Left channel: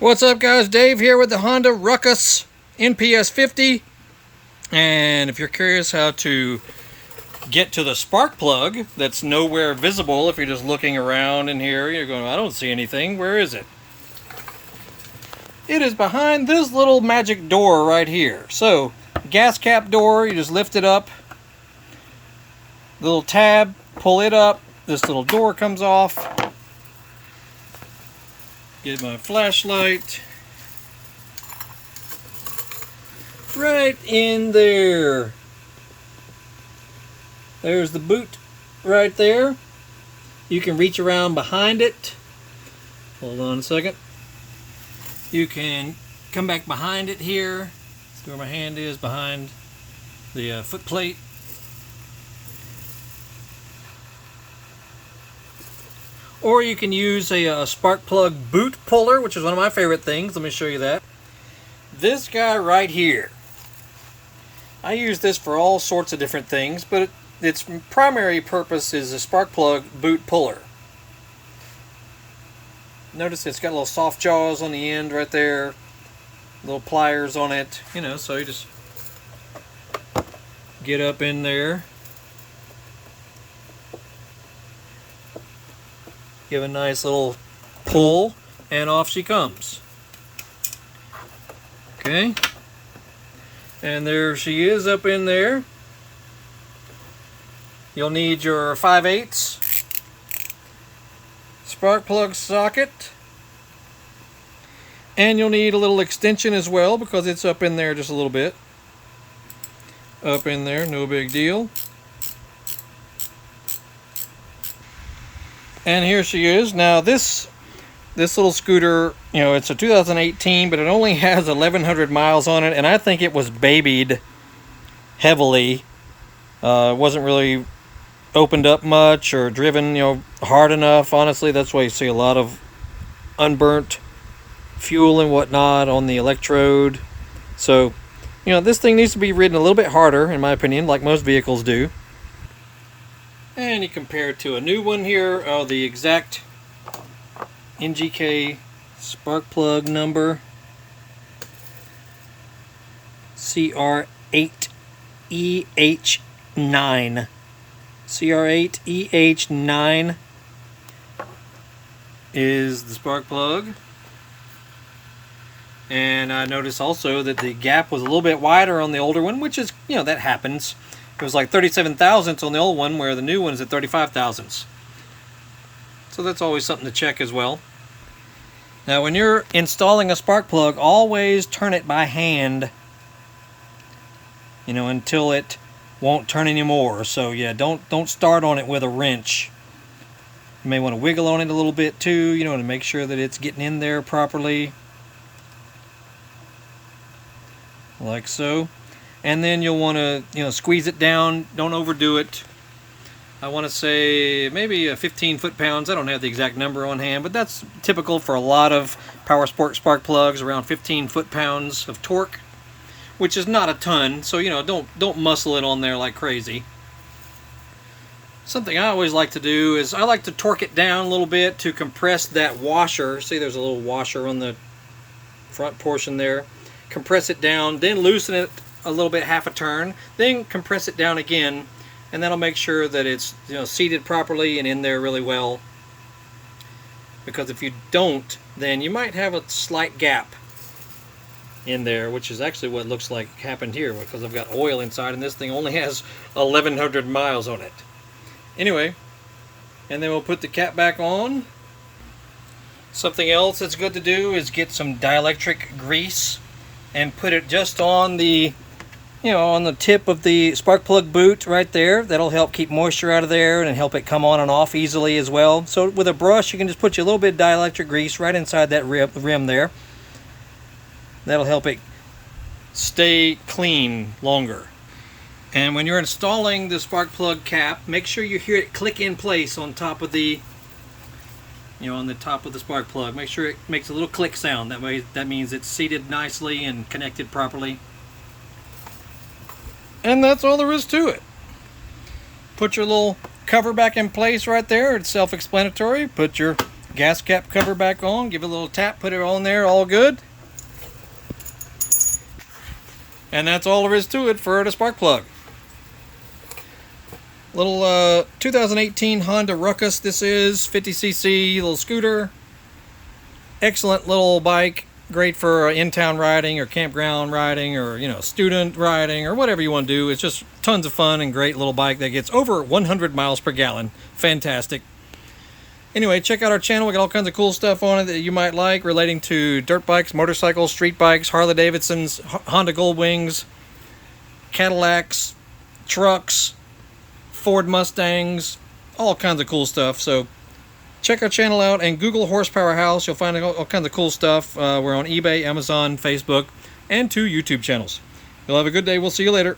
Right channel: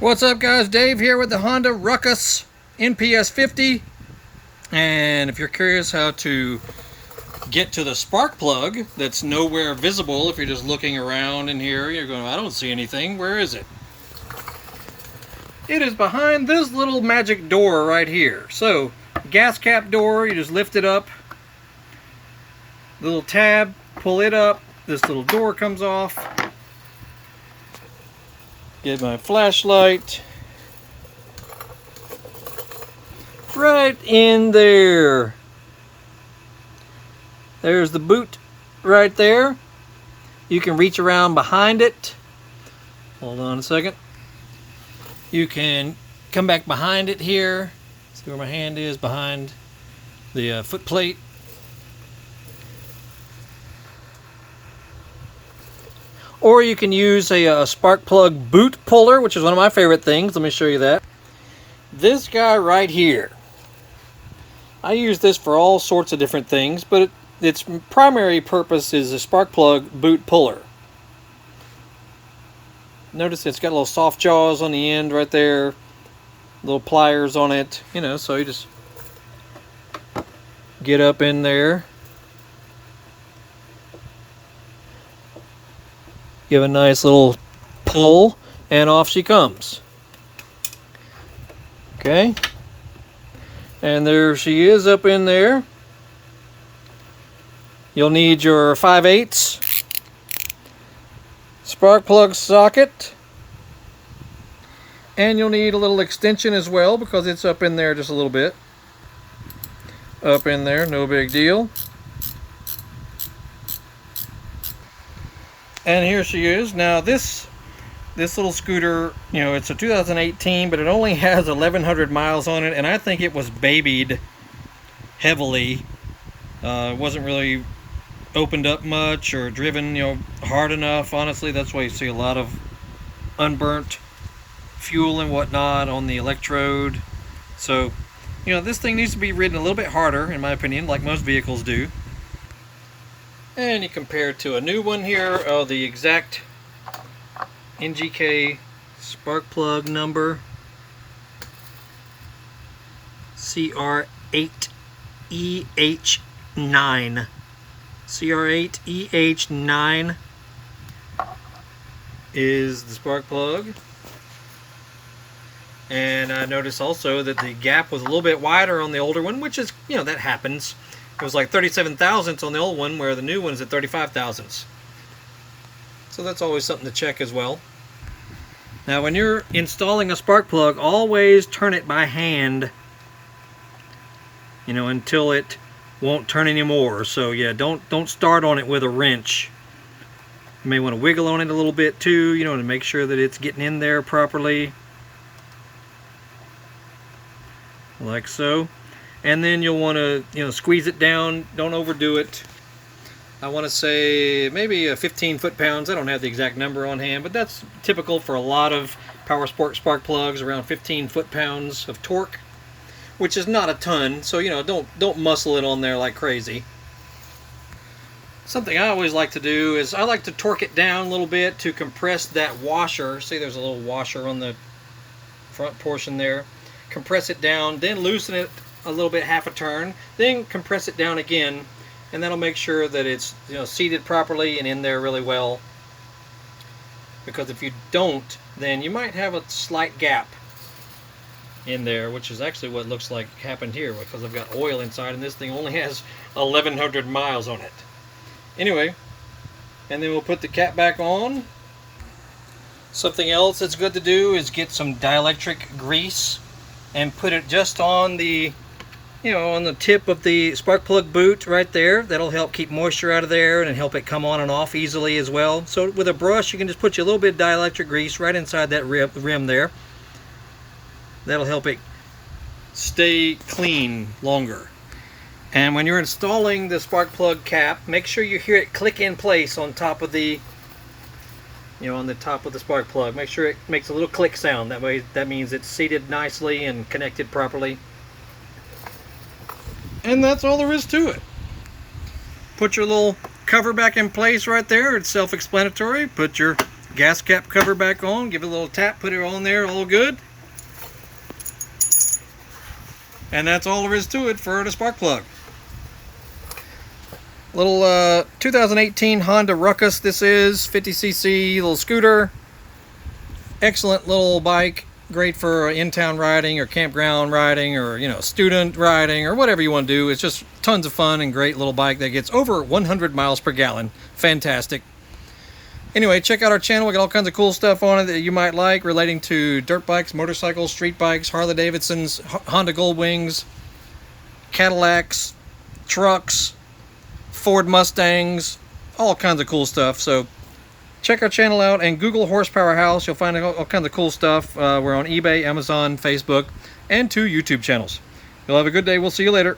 What's up guys, Dave here with the Honda Ruckus NPS50, and if you're curious how to get to the spark plug that's nowhere visible, if you're just looking around in here, you're going, I don't see anything, where is it? It is behind this little magic door right here. So, gas cap door, you just lift it up, little tab, pull it up, this little door comes off. Get my flashlight right in there. There's the boot right there. You can reach around behind it. Hold on a second. You can come back behind it here. See where my hand is, behind the foot plate. Or you can use a spark plug boot puller, which is one of my favorite things. Let me show you that. This guy right here. I use this for all sorts of different things, but its primary purpose is a spark plug boot puller. Notice it's got little soft jaws on the end right there, little pliers on it, you know, so you just get up in there. Give a nice little pull, and off she comes. Okay. And there she is up in there. You'll need your 5/8 spark plug socket. And you'll need a little extension as well, because it's up in there just a little bit. Up in there, no big deal. And here she is. Now this little scooter, you know, it's a 2018, but it only has 1,100 miles on it, and I think it was babied heavily. It wasn't really opened up much or driven, you know, hard enough. Honestly, that's why you see a lot of unburnt fuel and whatnot on the electrode. So, you know, this thing needs to be ridden a little bit harder, in my opinion, like most vehicles do. And you compare it to a new one here, the exact NGK spark plug number, CR8EH-9. CR8EH-9 is the spark plug. And I noticed also that the gap was a little bit wider on the older one, which is, you know, that happens. It was like 37 thousandths on the old one, where the new one is at 35 thousandths. So that's always something to check as well. Now when you're installing a spark plug, always turn it by hand, you know, until it won't turn anymore. So yeah, don't start on it with a wrench. You may want to wiggle on it a little bit too, you know, to make sure that it's getting in there properly. Like so. And then you'll want to, you know, squeeze it down. Don't overdo it. I want to say maybe 15 foot-pounds. I don't have the exact number on hand, but that's typical for a lot of power sport spark plugs, around 15 foot-pounds of torque, which is not a ton. So, you know, don't muscle it on there like crazy. Something I always like to do is I like to torque it down a little bit to compress that washer. See, there's a little washer on the front portion there. Compress it down, then loosen it a little bit, half a turn, then compress it down again, and that'll make sure that it's, you know, seated properly and in there really well. Because if you don't, then you might have a slight gap in there, which is actually what looks like happened here, because I've got oil inside and this thing only has 1,100 miles on it. Anyway, and then we'll put the cap back on. Something else that's good to do is get some dielectric grease and put it just on the, you know, on the tip of the spark plug boot right there. That'll help keep moisture out of there and help it come on and off easily as well. So with a brush, you can just put you a little bit of dielectric grease right inside that rim there. That'll help it stay clean longer. And when you're installing the spark plug cap, make sure you hear it click in place on top of the, you know, on the top of the spark plug. Make sure it makes a little click sound. That way, that means it's seated nicely and connected properly. And that's all there is to it. Put your little cover back in place right there. It's self-explanatory. Put your gas cap cover back on, give it a little tap, put it on there, all good. And that's all there is to it for the spark plug. Little 2018 Honda Ruckus this is, 50cc little scooter. Excellent little bike, great for in-town riding or campground riding or, you know, student riding or whatever you want to do. It's just tons of fun and great little bike that gets over 100 miles per gallon. Fantastic. Anyway, check out our channel. We got all kinds of cool stuff on it that you might like relating to dirt bikes, motorcycles, street bikes, Harley Davidsons, Honda Goldwings, Cadillacs, trucks, Ford Mustangs, all kinds of cool stuff. So check our channel out and Google Horsepower House. You'll find all kinds of cool stuff. We're on eBay, Amazon, Facebook, and 2 YouTube channels. You'll have a good day. We'll see you later.